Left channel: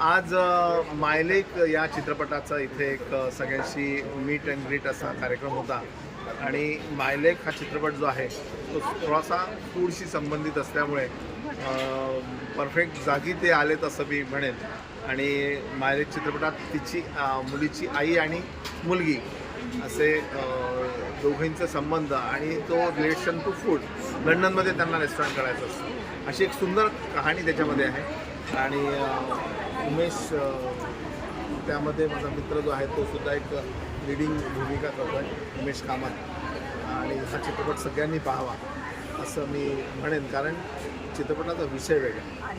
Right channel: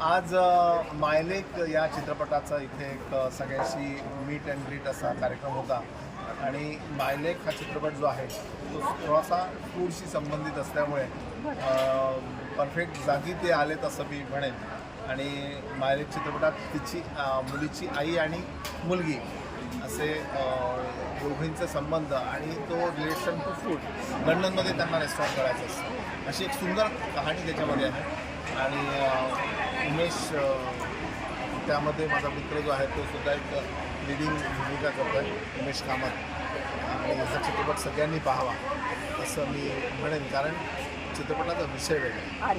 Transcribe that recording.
आज मायलेक या चित्रपटाचा इथे एक सगळ्यांशी मीट अँड ग्रीट असा कार्यक्रम होता. आणि मायलेक हा चित्रपट जो आहे तो थोडासा फूडशी संबंधित असल्यामुळे परफेक्ट जागी ते आलेत असं मी म्हणेन. आणि मायलेक चित्रपटात तिची मुलीची आई आणि मुलगी असे दोघींचा दोघींचे संबंध आणि तो रिलेशन टू फूड लंडनमध्ये त्यांना रेस्टॉरंट करायचं असतं. अशी एक सुंदर कहाणी त्याच्यामध्ये आहे. आणि उमेश त्यामध्ये माझा मित्र जो आहे तो सुद्धा एक लिडिंग भूमिका करतो आहे उमेश कामत. आणि हा चित्रपट सगळ्यांनी पाहावा असं मी म्हणेन. कारण चित्रपटाचा विषय वेगळा.